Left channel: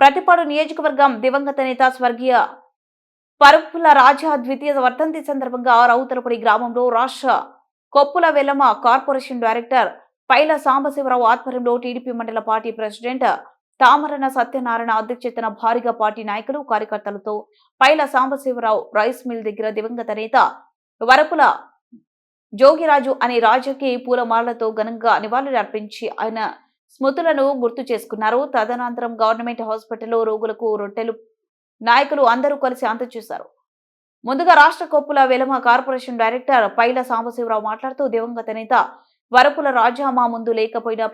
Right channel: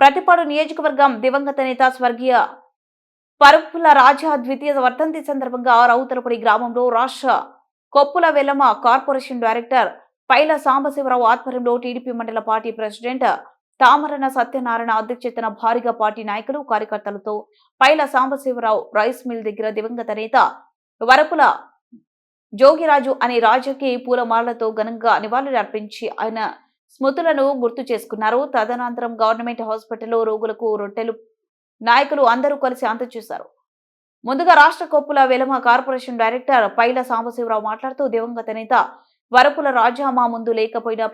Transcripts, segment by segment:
ప్రతిపాడు నియోజకవర్గం దివంగత నేత స్వర్గీయ పరుపుల రాజా ద్వితీయ వర్ధంతి సందర్భంగా రౌతలపూడి గ్రామంలో రాష్ట్ర కొప్పుల వెల్లమ కార్పొరేషన్ డైరెక్టర్ పైల సాంబశివరావు ఆధ్వర్యంలో టీడీపీ మండల పార్టీ ప్రెసిడెంట్ తామరణ సత్యనారాయణ అధ్యక్షతన భారీగా పార్టీ నాయకులు కార్యకర్తలతో పైల సాంబశివరావు రైస్ మిల్ దగ్గర దివంగత నేత వరపుల జోగిరాజు అనే రాజకీయ పూలమాలతో ఘనంగా నివాళులర్పించి ఆయన స్మృతులను గుర్తు చేసుకున్నారు. తదనంతరం గవర్నమెంట్ హాస్పిటల్లో రోగులకు రొట్టెలు నాయకులు అందరూ కలిసి అందజేశారు. ముందుగా రాష్ట్ర కొప్పుల వెలమ కార్పొరేషన్ డైరెక్టర్ పైల సాంబశివరావు మాట్లాడుతూ దివంగత నేత వరపుల రాజా మా ముందు లేకపోయినా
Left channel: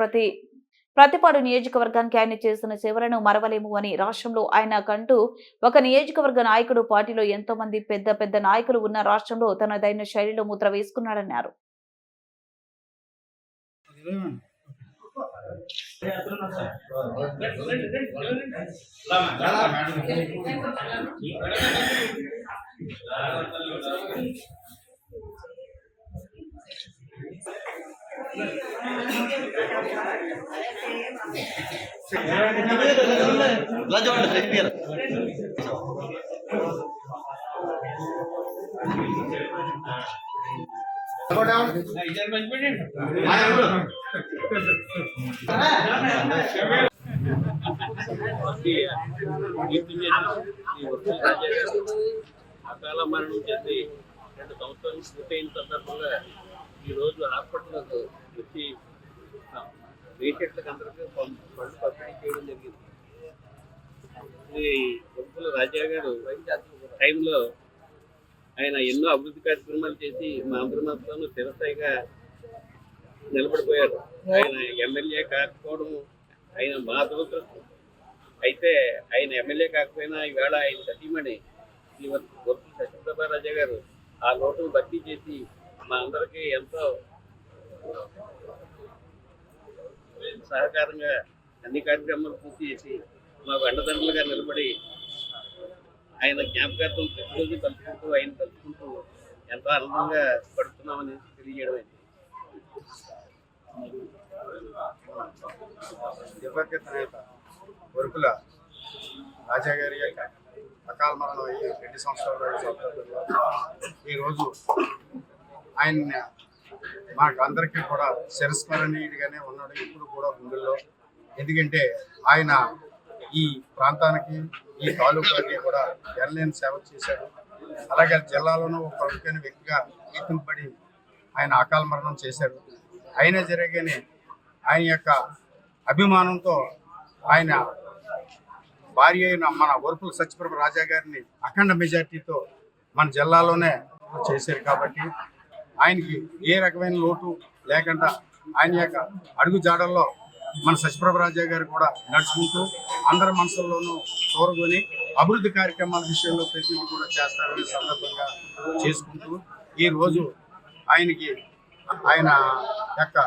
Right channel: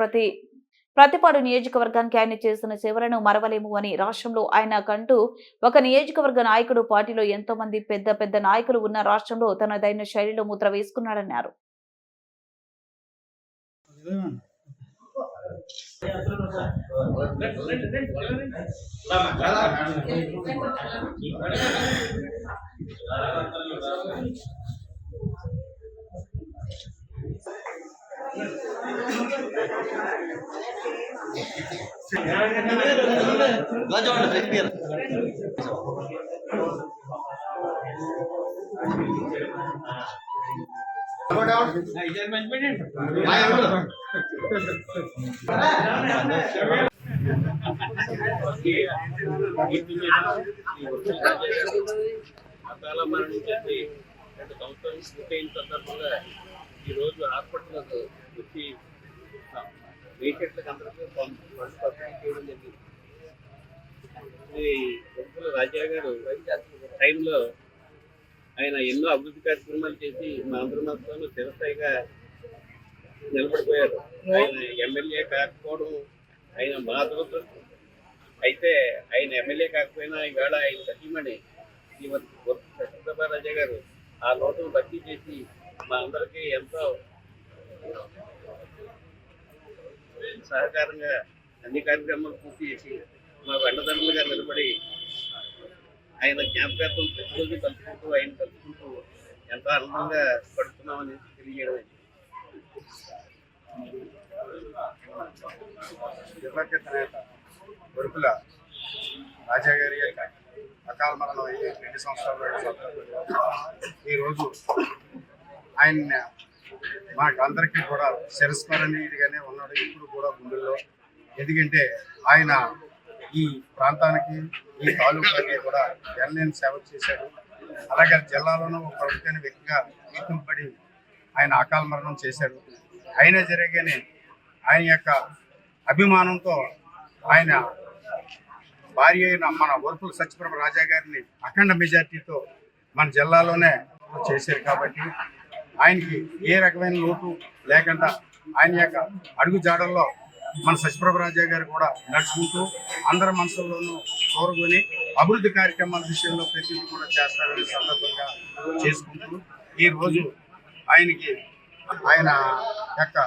ప్రతిపాడు నియోజకవర్గానికి ఆయన చేసిన సేవలను మరవలేము అని, రాష్ట్రంలో ఆయన కంటూ ఒక నియోజకవర్గ నాయకుడు, పార్టీలో ఎంతో మంది పెద్ద పెద్ద నాయకులు ఉన్న రాష్ట్రంలో తనదైన శైలిలో ముద్ర వేసుకున్నాడన్నారు. అకాల మరణం చేసి 2 సంవత్సరాలు పూర్తయిన సందర్భంగా ఈరోజు హాస్పిటల్కు వచ్చి పేషెంట్లకు అందరికీ ఫండ్స్ పంపిణీ చేయడం జరిగింది. ఈ వరపుల రాజా గారు టైంలో ఆయన ఎన్నో అభివృద్ధి కార్యక్రమాలు చేసి మా అందరి మాత్రం చిరస్థాయిగా నిలబడిపోయారు. ఆయన ఎమ్మెల్యే కాకపోవడం ఆయన మా దురదృష్టం. అయితే ఆయన ఎమ్మెల్యే కాకపోయినా ఈవేళ ఆయన సతీమణి ఈ వరపుల సత్యప్రభా రాజా గారు ఆ లోటును భర్తీ చేసి మా అందరికీ ఎంతో సహకారంగా అన్ని కార్యక్రమాలు పూర్తి చేసి మాకు అండదండలుగా నిలబడి ఆయన జ్ఞాపకార్థం ప్రతిరోజు కలుపుకుంటూ ఆయన కలుపుకుంటూ ఎంతో ఆనందంగా పడుతున్నామని తెలియజేయడం. దివంగత నేత వరపుల రాజా గారి అకాల మరణం అయ్యి 2 సంవత్సరాలు ఈరోజు ఆయన మాకు అందరికీ కూడా చిరస్మరణీయుడిగానే ఉన్నాడు ఇప్పుడు కూడా గుండెల్లో. ఎందుకంటే ఆయన ఈ ప్రాంతానికి ఈ తాలూకాకి కూడా ఎనలేని సేవ చేశాడు. అలాగే జిల్లాలోనూ ఒక ప్రముఖమైన వ్యక్తిగా గుర్తింపబడి ఆయన అకాల మరణం చేశాడు. అయినా జరగగానే ఆయన యొక్క అభిమానంతో ఆయన భార్య అయిన మన వరపుల సత్యప్రభ రాజా గారిని అఖండ మెజార్టీతో మన జిల్లాలోనే చేశారు. కాబట్టి ఆయనకి ఏ రకమైన లోటు లేకుండా ఆయన యొక్క అడుగు జాడల్లో మన సత్యప్రభ రాజా గారు కూడా నడుచుకుంటూ అందరి మనసుల్లోనూ కోరుకొని అభివృద్ధి కార్యక్రమాల విషయంలో ప్రతిదీ కూడా చేస్తారనే సందర్భంగా చేసుకుంటూ ఈరోజు ఆయనకి ఆయన యొక్క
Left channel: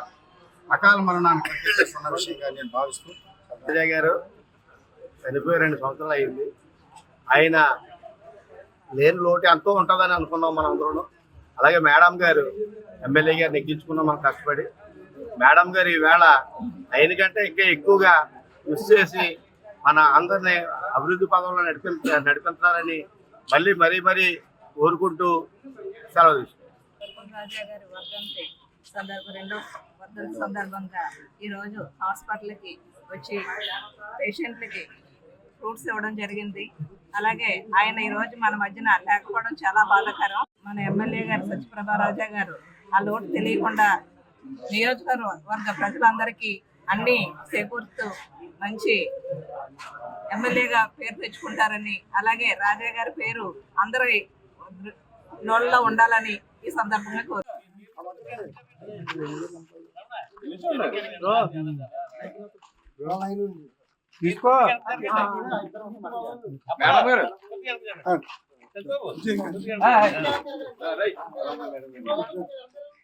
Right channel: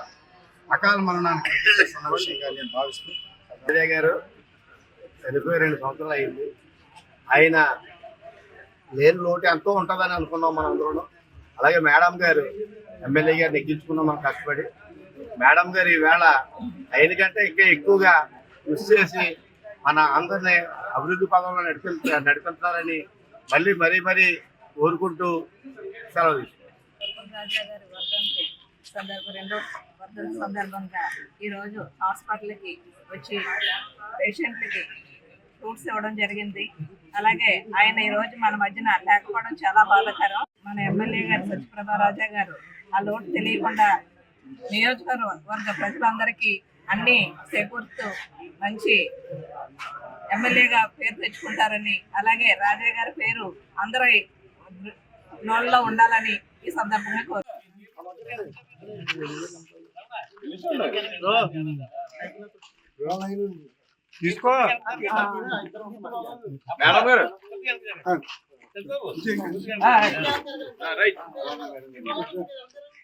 అకాల మరణానికి ప్రత్యేక విషయంగా నేను భావిస్తూ, రాజా గారు చనిపోయి 2 సంవత్సరాలు అయింది. ఆయన లేని లోటు ఎంతో ఉంటుందని అనుకున్నాం మనం అందరూ. అలాగే మేడం గారు ఎమ్మెల్యే గారు నెగ్గించుకున్నాం మనం కష్టపడి. మేడం గారు ఈవేళ ఆయన కంటే ఇంకా ఎక్కువగా కృషి చేసి మన అందరినీ అభివృద్ధి పదంలో నడిపించాలని మరీ కోరుకుంటూ సెలవు సందర్భంగా ఈరోజు హాస్పిటల్కి వచ్చి పేషెంట్లకి ఫ్రూట్స్ ఇవ్వడం జరిగింది. అలాగే ఆయన ఈరోజు మన మధ్యన లేకపోవడం చాలా బాధాకరం. మన ఎమ్మెల్యే గారు సత్యప్రభా రాజా గారు ఆ లోటు తెలియకుండా నియోజకవర్గ ప్రజలందరికీ అన్ని చేకూరుతూ మంచి ఎమ్మెల్యేగా పేరు తెచ్చుకుంటారని, అలాగే రాజా గారి పేరు అందరి నోళ్ళలో ఉండాలని ఈ సందర్భంగా కోరుతున్నాను. తీసుకో